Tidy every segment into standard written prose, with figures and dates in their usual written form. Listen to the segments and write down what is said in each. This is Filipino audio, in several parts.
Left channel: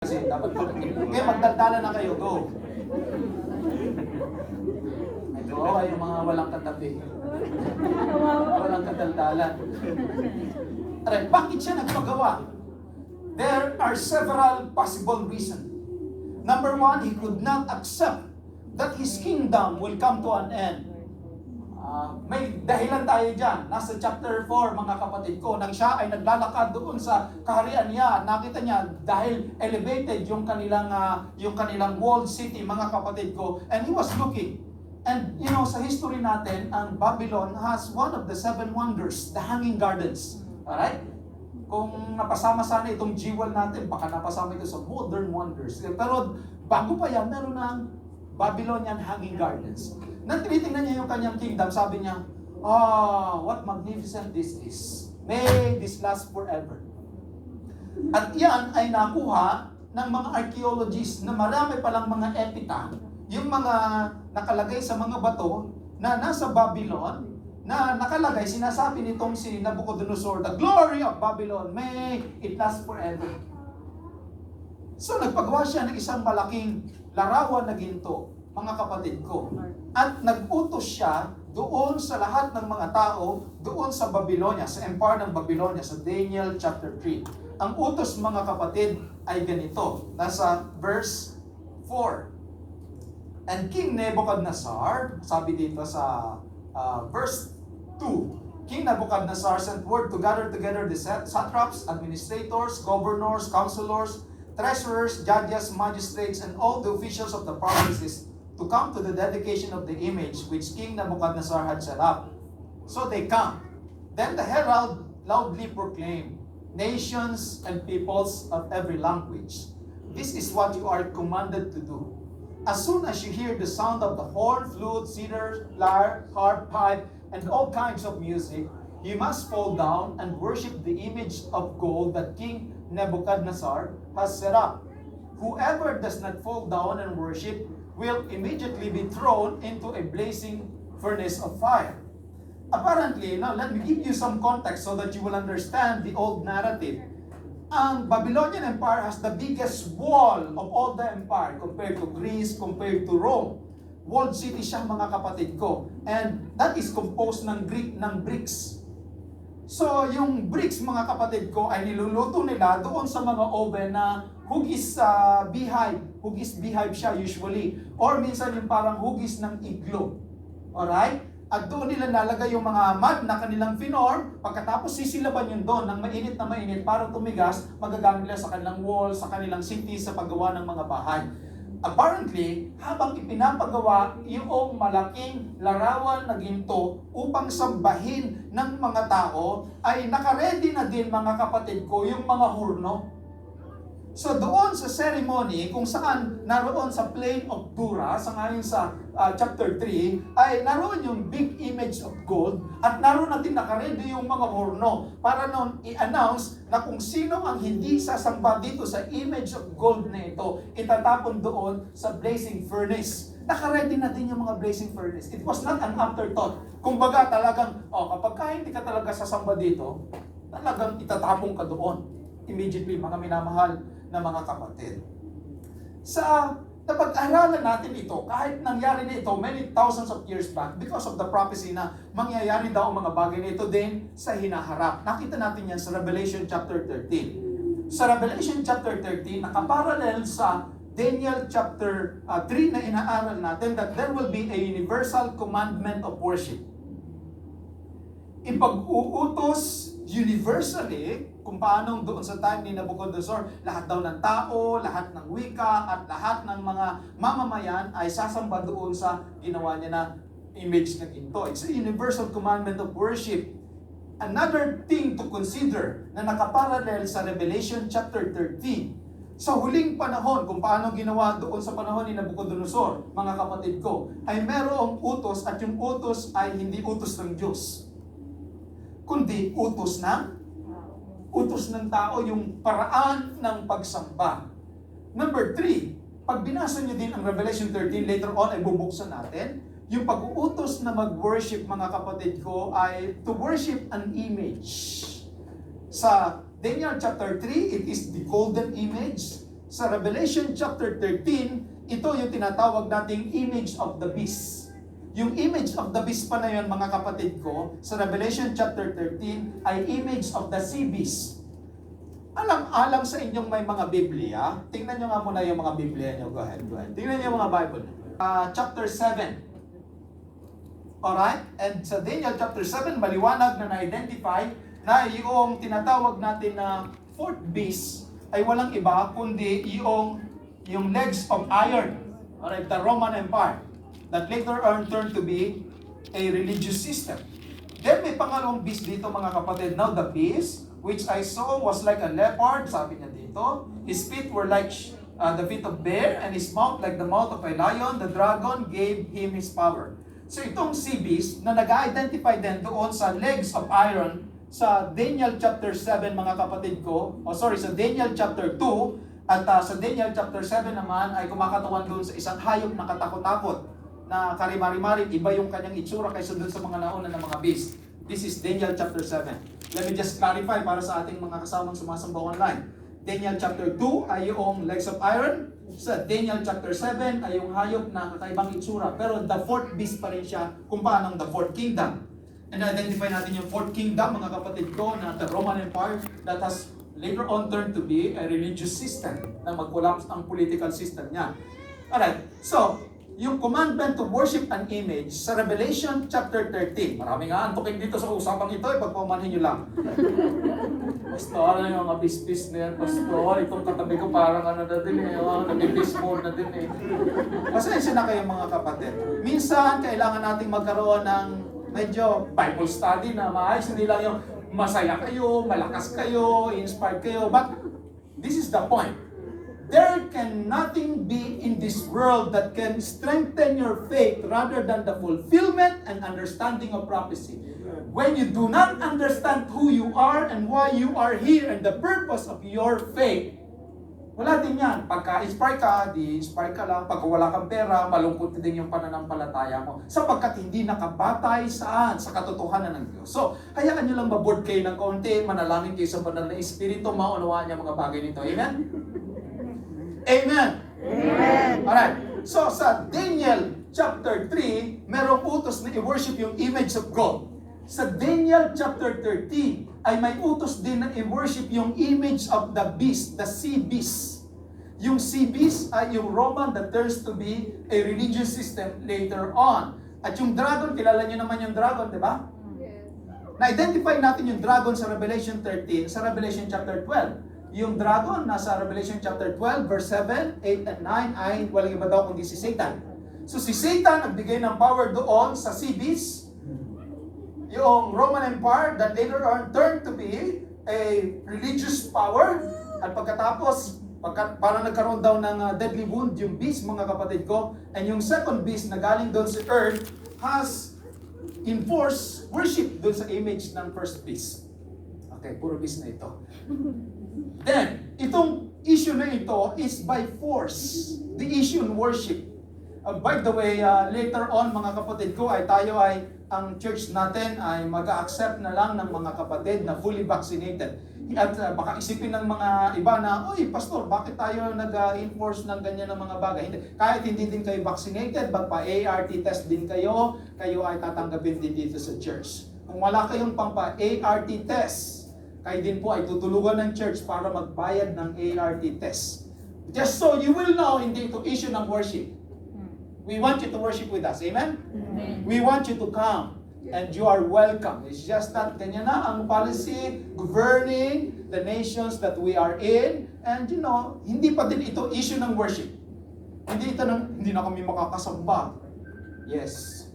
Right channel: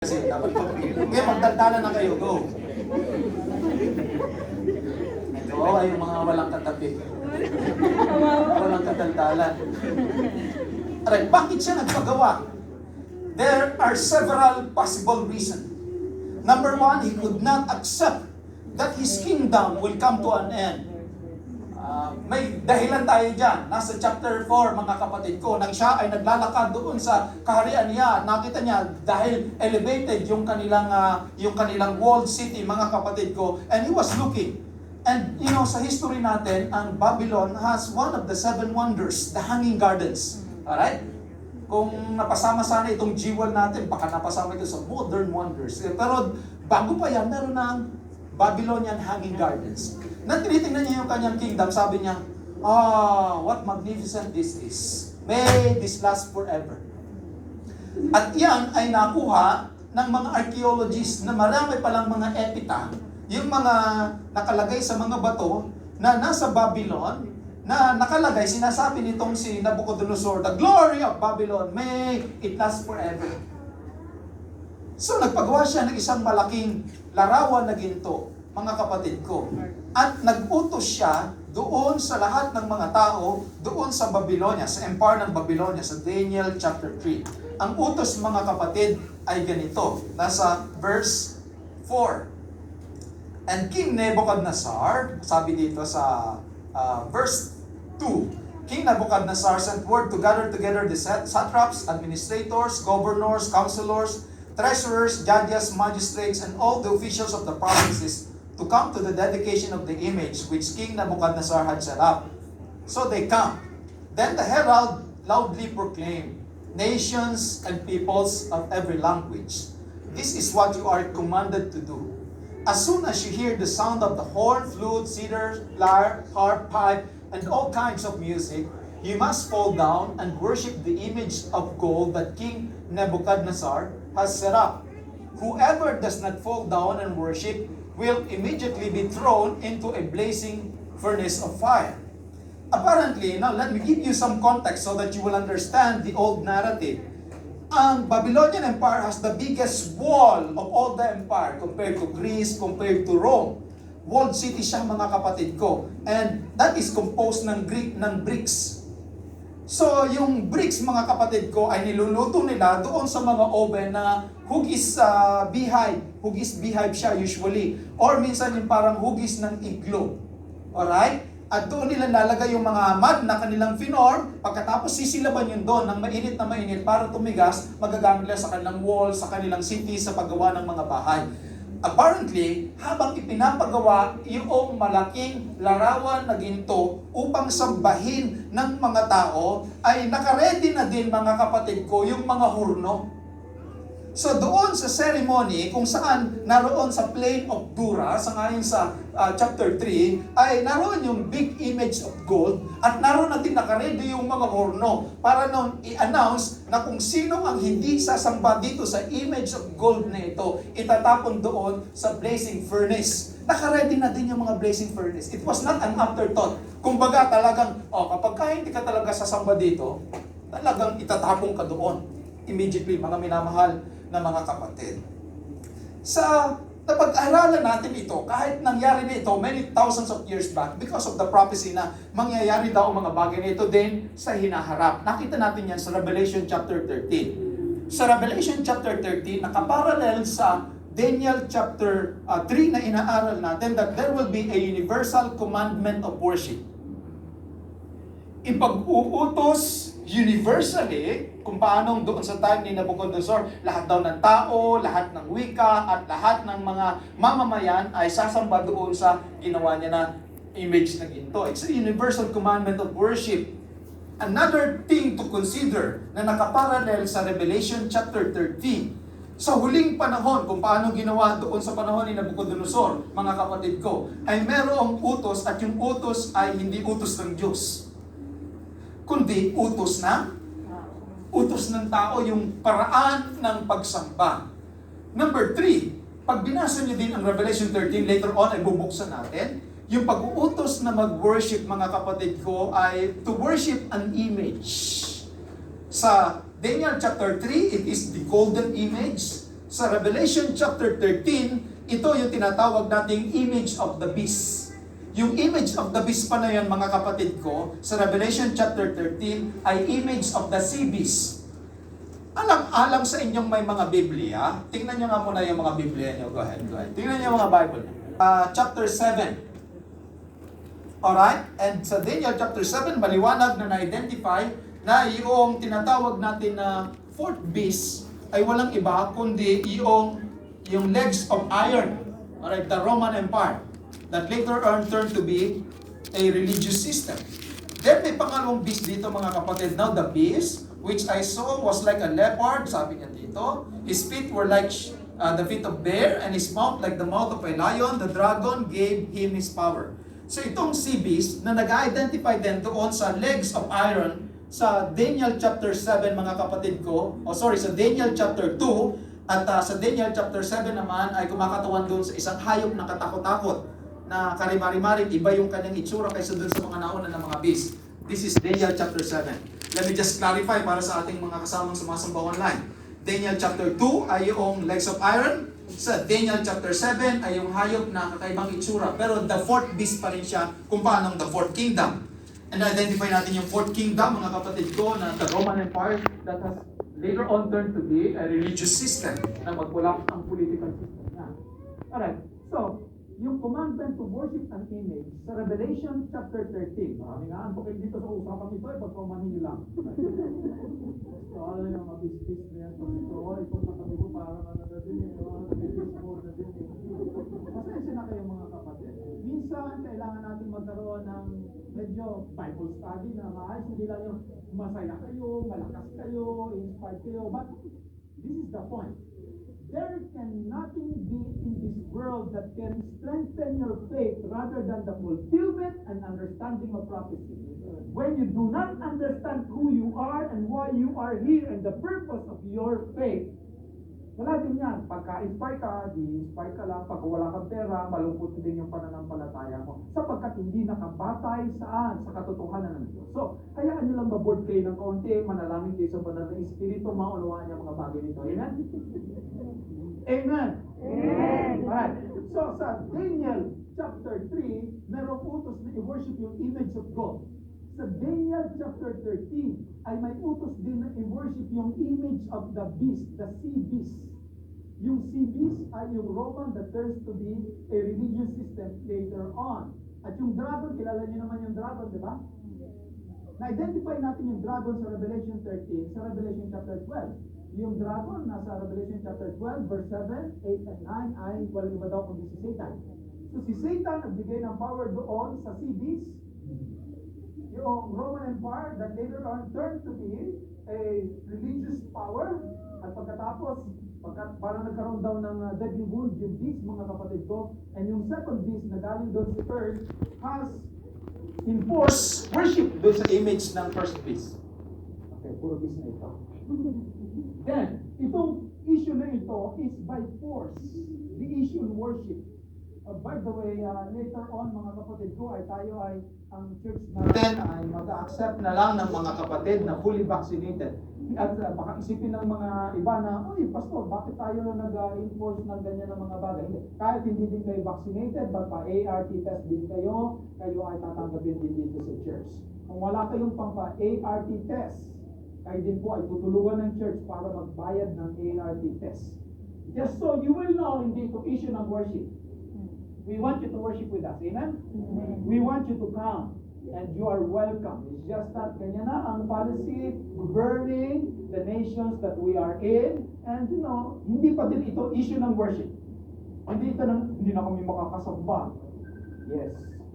Kasi dapat po. Ngayon, magdaldala na kayo. Go. Oo, yung mga walang katabi. Walang kadaldalan. Alright, bakit siya nagpagawa? There are several possible reasons. Number one, he could not accept that his kingdom will come to an end. May dahilan tayo dyan. Nasa chapter 4, mga kapatid ko, nang siya ay naglalakad doon sa kaharian niya, nakita niya dahil elevated yung kanilang walled city, mga kapatid ko, and he was looking. And you know, sa history natin, ang Babylon has one of the 7 wonders, the Hanging Gardens. Alright? Kung napasama sana itong G1 natin, baka napasama ito sa modern wonders. Pero bago pa yan, meron ng Babylonian Hanging Gardens. Nang tinitingnan niya yung kanyang kingdom, sabi niya, what magnificent this is. May this last forever. At yan ay nakuha ng mga archaeologists na marami palang mga epitaph, yung mga nakalagay sa mga bato na nasa Babylon, na nakalagay, sinasabi nitong si Nabucodonosor, the glory of Babylon, may it last forever. So nagpagawa siya ng isang malaking larawan na ginto, mga kapatid ko. At nag-utos siya doon sa lahat ng mga tao, doon sa Babylonia, sa empire ng Babylonia, sa Daniel chapter 3. Ang utos, mga kapatid, ay ganito. Nasa verse 4. And King Nebuchadnezzar, sabi dito sa verse 2, King Nebuchadnezzar sent word to gather together the satraps, administrators, governors, counselors, treasurers, judges, magistrates, and all the officials of the provinces to come to the dedication of the image which King Nebuchadnezzar had set up. So they come. Then the herald loudly proclaimed, nations and peoples of every language, this is what you are commanded to do. As soon as you hear the sound of the horn, flute, cedar, lyre, harp, pipe, and all kinds of music, you must fall down and worship the image of gold that King Nebuchadnezzar has set up. Whoever does not fall down and worship will immediately be thrown into a blazing furnace of fire. Apparently, now let me give you some context so that you will understand the old narrative. Ang Babylonian Empire has the biggest wall of all the empire compared to Greece, compared to Rome. Walled city siya, mga kapatid ko. And that is composed ng bricks. So, yung bricks, mga kapatid ko, ay niluluto nila doon sa mga oven na hugis beehive. Hugis beehive siya usually. Or minsan yung parang hugis ng igloo. Alright? At doon nila lalagay yung mga mud na kanilang finorm. Pagkatapos sisilaban yun doon ng mainit na mainit para tumigas, magagamit nila sa kanilang wall, sa kanilang city, sa paggawa ng mga bahay. Apparently, habang ipinapagawa yung malaking larawan na ginto upang sambahin ng mga tao, ay nakaredy na din, mga kapatid ko, yung mga hurno. So doon sa ceremony, kung saan naroon sa plain of Dura, sa ngayon sa chapter 3, ay naroon yung big image of gold at naroon natin nakaredy yung mga horno para noon i-announce na kung sino ang hindi sasamba dito sa image of gold na ito, itatapon doon sa blazing furnace. Nakaredy na din yung mga blazing furnace. It was not an afterthought. Kumbaga talagang, kapag hindi ka talaga sasamba dito, talagang itatapon ka doon. Immediately, mga minamahal na mga kapatid. Sa napag-aralan natin ito, kahit nangyari na ito many thousands of years back because of the prophecy na mangyayari daw ang mga bagay na ito din sa hinaharap. Nakita natin yan sa Revelation chapter 13. Sa Revelation chapter 13, nakaparallel sa Daniel chapter 3 na inaaral natin that there will be a universal commandment of worship. Ipag-uutos universally, kung paano doon sa time ni Nabucodonosor, lahat daw ng tao, lahat ng wika, at lahat ng mga mamamayan ay sasamba doon sa ginawa niya na image na ginto. It's a universal commandment of worship. Another thing to consider na nakaparallel sa Revelation chapter 13, sa huling panahon, kung paano ginawa doon sa panahon ni Nabucodonosor, mga kapatid ko, ay merong utos at yung utos ay hindi utos ng Diyos, kundi utos ng tao, yung paraan ng pagsamba. Number 3, pag binasa niyo din ang Revelation 13, later on ay bubuksan natin, yung pag-uutos na mag-worship, mga kapatid ko, ay to worship an image. Sa Daniel chapter 3, it is the golden image. Sa Revelation chapter 13, ito yung tinatawag nating image of the beast. Yung image of the beast pa na yun, mga kapatid ko, sa Revelation chapter 13 ay image of the sea beast. Alang sa inyong may mga Biblia, tingnan nyo nga muna yung mga Biblia nyo. Go ahead. Tingnan nyo yung mga Bible. Chapter 7. Alright? And sa Daniel chapter 7, maliwanag na na-identify na yung tinatawag natin na fourth beast ay walang iba kundi yung legs of iron. Alright, the Roman Empire that later on turned to be a religious system. Then may pangalawang beast dito, mga kapatid. Now the beast which I saw was like a leopard, sabi niya dito. His feet were like the feet of bear, and his mouth like the mouth of a lion. The dragon gave him his power. So itong sea beast na nag-identify din doon sa legs of iron sa Daniel chapter 7, mga kapatid ko, sa Daniel chapter 2, at sa Daniel chapter 7 naman ay kumakatawan doon sa isang hayop na katakot-takot na karimari-marim, iba yung kanyang itsura kaysa doon sa mga nauna ng mga beast. This is Daniel chapter 7. Let me just clarify para sa ating mga kasamang sumasamba online. Daniel chapter 2 ay yung legs of iron. Sa Daniel chapter 7 ay yung hayop na kakaibang itsura. Pero the fourth beast pa rin siya kung paano the fourth kingdom. And identify natin yung fourth kingdom, mga kapatid ko, na the Roman Empire that has later on turned to be a religious system na mag-collapse ang political system niya. Alright, so, yung commandment to worship an image sa Revelation chapter 13. Marami nga antukin dito sa usapang ito, ipagpamanhin nyo lang. Pastor, yung mga bis-bis na yan, Pastor, itong katabi ko parang ano na din nag-bis mode na din Pasensya na kayo, mga kapatid. Minsan, kailangan nating magkaroon ng medyo Bible study na maayos, hindi lang yung masaya kayo, malakas kayo, inspired kayo, but this is the point. There can nothing be in this world that can strengthen your faith rather than the fulfillment and understanding of prophecy. When you do not understand who you are and why you are here and the purpose of your faith, wala din yan. Pagka-inspire ka, di-inspire ka lang. Pagka wala kang pera, malungkot din yung pananampalataya mo. Sapagkat hindi nakabatay saan? Sa katotohanan ng Diyos. So, hayaan nyo lang maboard kayo ng konti, manalangin kayo sa banal na Espiritu, maunawaan niya mga bagay nito. Amen? Amen? Amen! Alright. So, sa Daniel chapter 3, merong utos na i-worship yung image of God. Sa Daniel chapter 13, ay may utos din na i-worship yung image of the beast, the sea beast. Yung sea beast ay yung Roman that turns to be a religious system later on. At yung dragon, kilala nyo naman yung dragon, di ba? Na-identify natin yung dragon sa Revelation 13, sa Revelation chapter 12. Yung dragon nasa Revelation chapter 12, verse 7, 8, and 9 ay walang iba daw kundi si Satan. So si Satan nagbigay ng power doon sa sea beast, yung Roman Empire that later on turned to be a religious power. At pagkatapos, parang nagkaroon daw ng deadly wound yung beast, mga kapatid ko. And yung second beast na galing doon sa earth has enforced worship doon sa image ng first beast. Okay, puro beast na ito. Then, itong issue na ito is by force. The issue in worship. By the way, later on, mga kapatid ko, ang church natin ay mag-accept na lang ng mga kapatid na fully vaccinated. At baka isipin ng mga iba na, "Oy, pastor, bakit tayo nag-enforce ng ganyan ng mga bagay?" Hindi. Kahit hindi din kayo vaccinated, magpa-ART test din kayo ay tatanggapin din dito sa church. Kung wala kayong pampa-ART test, kayo din po ay tutulungan ng church para magbayad ng ART test. Just so you will know, hindi ito issue ng worship. We want you to worship with us. Amen? Amen. We want you to come. And you are welcome. It's just that ganyan na ang policy governing the nations that we are in. And hindi pa din ito issue ng worship. Hindi na kami makakasamba. Yes.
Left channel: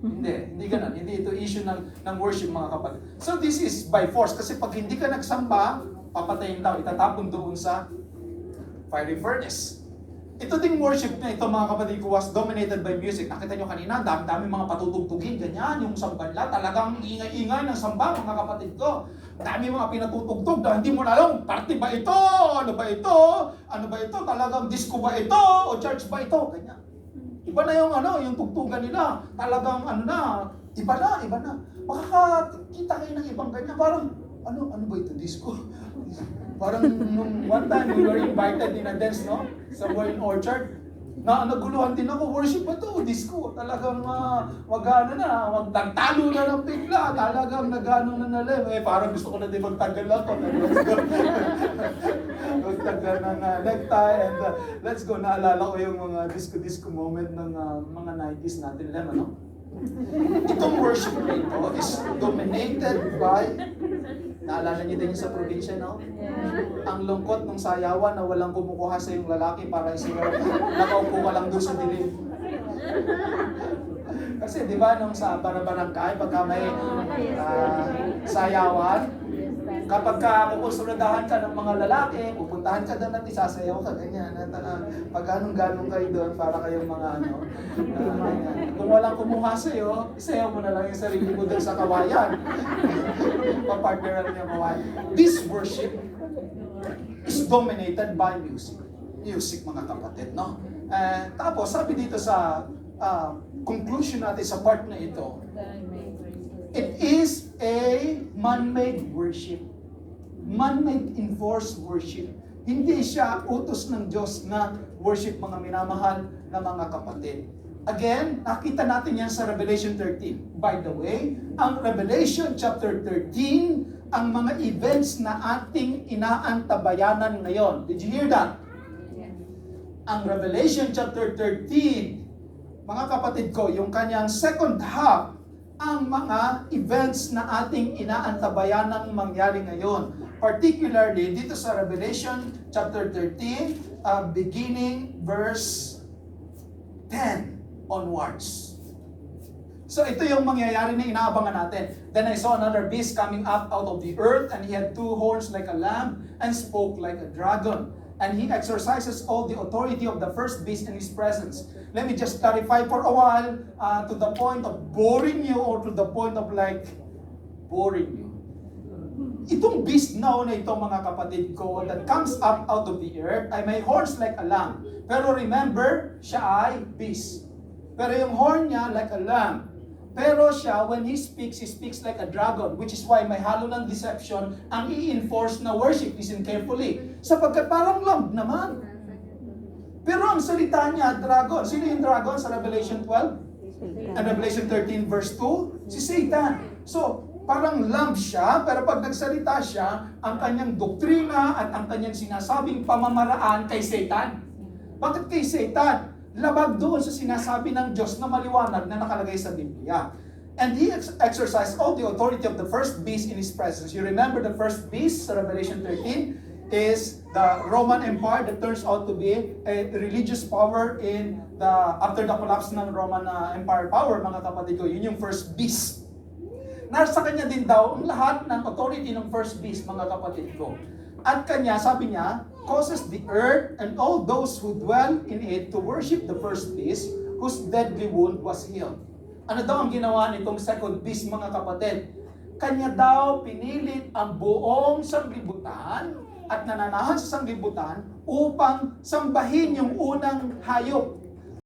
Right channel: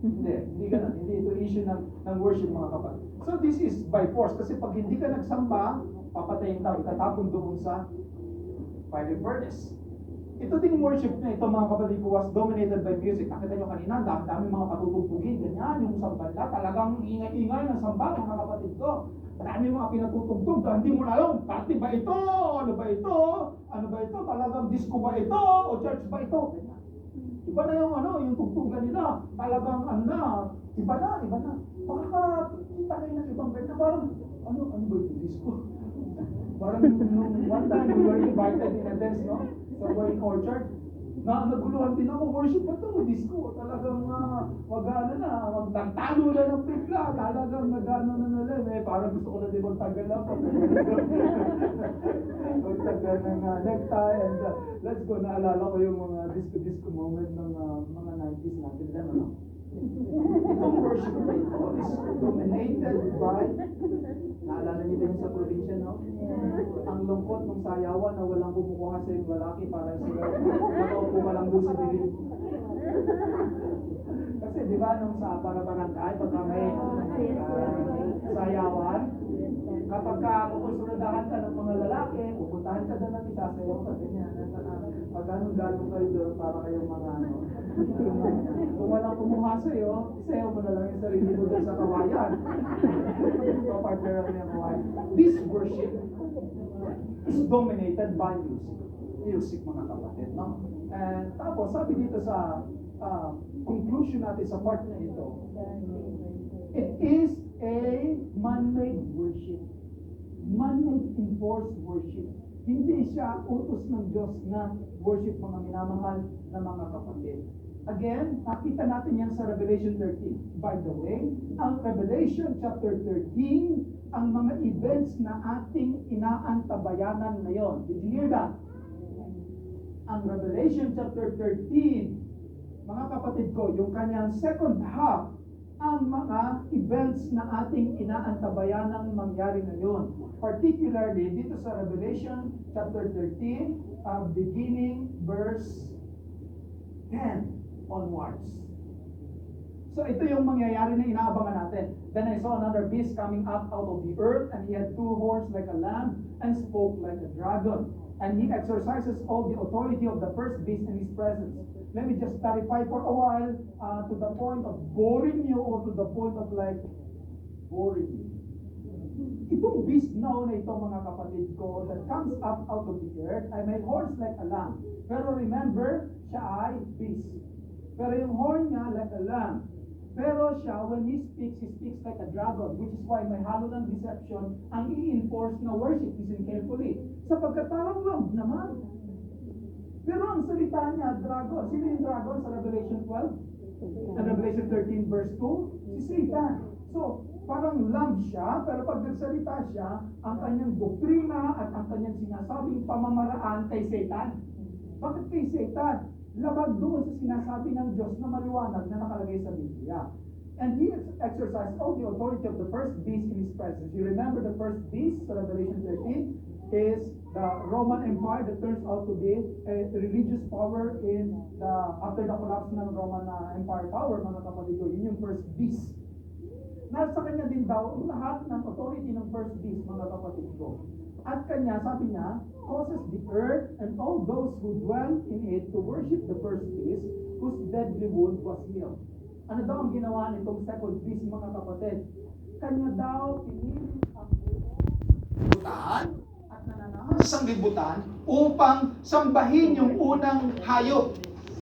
Hindi ganun. Hindi ito issue ng worship, mga kapatid. So this is by force. Kasi pag hindi ka nagsamba, papatayin daw, itatapon doon sa fiery furnace. Ito ding worship na ito, mga kapatid ko, was dominated by music. Nakita nyo kanina, dami mga patutugtugin, ganyan, yung samba nila, talagang ingay-ingay ng samba, mga kapatid ko. Dami mga pinatutugtog na hindi mo na alam, party ba ito? Ano ba ito? Ano ba ito? Talagang disco ba ito? O church ba ito? Ganyan. Iba na yung tugtugan nila. Talagang iba na. Makakakita kayo ng ibang ganyan, parang, ano ba ito? Disco? Parang one time we were invited in a dance, no? Somewhere in Orchard. Naguluhan din ako, worship ba to? Disco. Talagang mag-ano na, magtagtalo na ng bigla. Talagang nag-ano na nalim. Parang gusto ko na din magtagal ako. Magtagal ng necktie and let's go. Naalala ko yung mga disco moment ng mga 90s natin lang, ano? Itong worship na ito is dominated by, naalala niyo din yung sa probinsya, no? Ang lungkot ng sayawan na walang kumukuha sa yung lalaki para isigaw, nakaupo ka lang doon sa dilim. Kasi di ba nung sa barangay, pagka may sayawan, kapag kukonsuladahan ka ng mga lalaki, pupuntahan ka doon at isasayaw ka, ganyan. At pag anong-ganong kayo doon, para kayong mga ano, ganyan. Kung walang kumuha sa'yo, isayaw mo na lang yung sarili mo doon sa kawayan. Papartner niya kawayan. This worship is dominated by music. Music, mga kapatid, no? Tapos, sabi dito sa conclusion natin sa part na ito, it is a man-made worship. Man-made enforced worship. Hindi siya utos ng Diyos na worship, mga minamahal na mga kapatid. Again, nakita natin yan sa Revelation 13. By the way, ang Revelation chapter 13, ang mga events na ating inaantabayanan ngayon. Did you hear that? Ang Revelation chapter 13, mga kapatid ko, yung kanyang second half, ang mga events na ating inaantabayanang mangyari ngayon. Particularly dito sa Revelation chapter 13, beginning verse 10 onwards. So ito yung mangyayari na inaabangan natin. Then I saw another beast coming up out of the earth, and he had two horns like a lamb, and spoke like a dragon. And he exercises all the authority of the first beast in his presence. Let me just clarify for a while, to the point of boring you, or to the point of like boring you. Itong beast now na ito, mga kapatid ko, that comes up out of the earth, ay may horns like a lamb. Pero remember, siya ay beast. Pero yung horn niya like a lamb. Pero siya, when he speaks like a dragon, which is why may halo ng deception ang i-enforce na worship. Listen carefully. Sapagkat parang lamb naman. Pero ang salita niya, dragon. Sino yung dragon sa Revelation 12? And Revelation 13 verse 2? Si Satan. So, parang lamb siya, pero pag nagsalita siya, ang kanyang doktrina at ang kanyang sinasabing pamamaraan kay Satan. Bakit kay Satan? Labag doon sa sinasabi ng Diyos na maliwanag na nakalagay sa Biblia. And he exercised all the authority of the first beast in his presence. You remember the first beast sa Revelation 13 is the Roman Empire that turns out to be a religious power in after the collapse ng Roman Empire power, mga kapatid ko. Yun yung first beast. Nasa kanya din daw ang lahat ng authority ng first beast, mga kapatid ko. At kanya, sabi niya, causes the earth and all those who dwell in it to worship the first beast whose deadly wound was healed. Ano daw ang ginawa nitong second beast, mga kapatid? Kanya daw pinilit ang buong sanglibutan at nananahan sa sanglibutan upang sambahin yung unang hayop.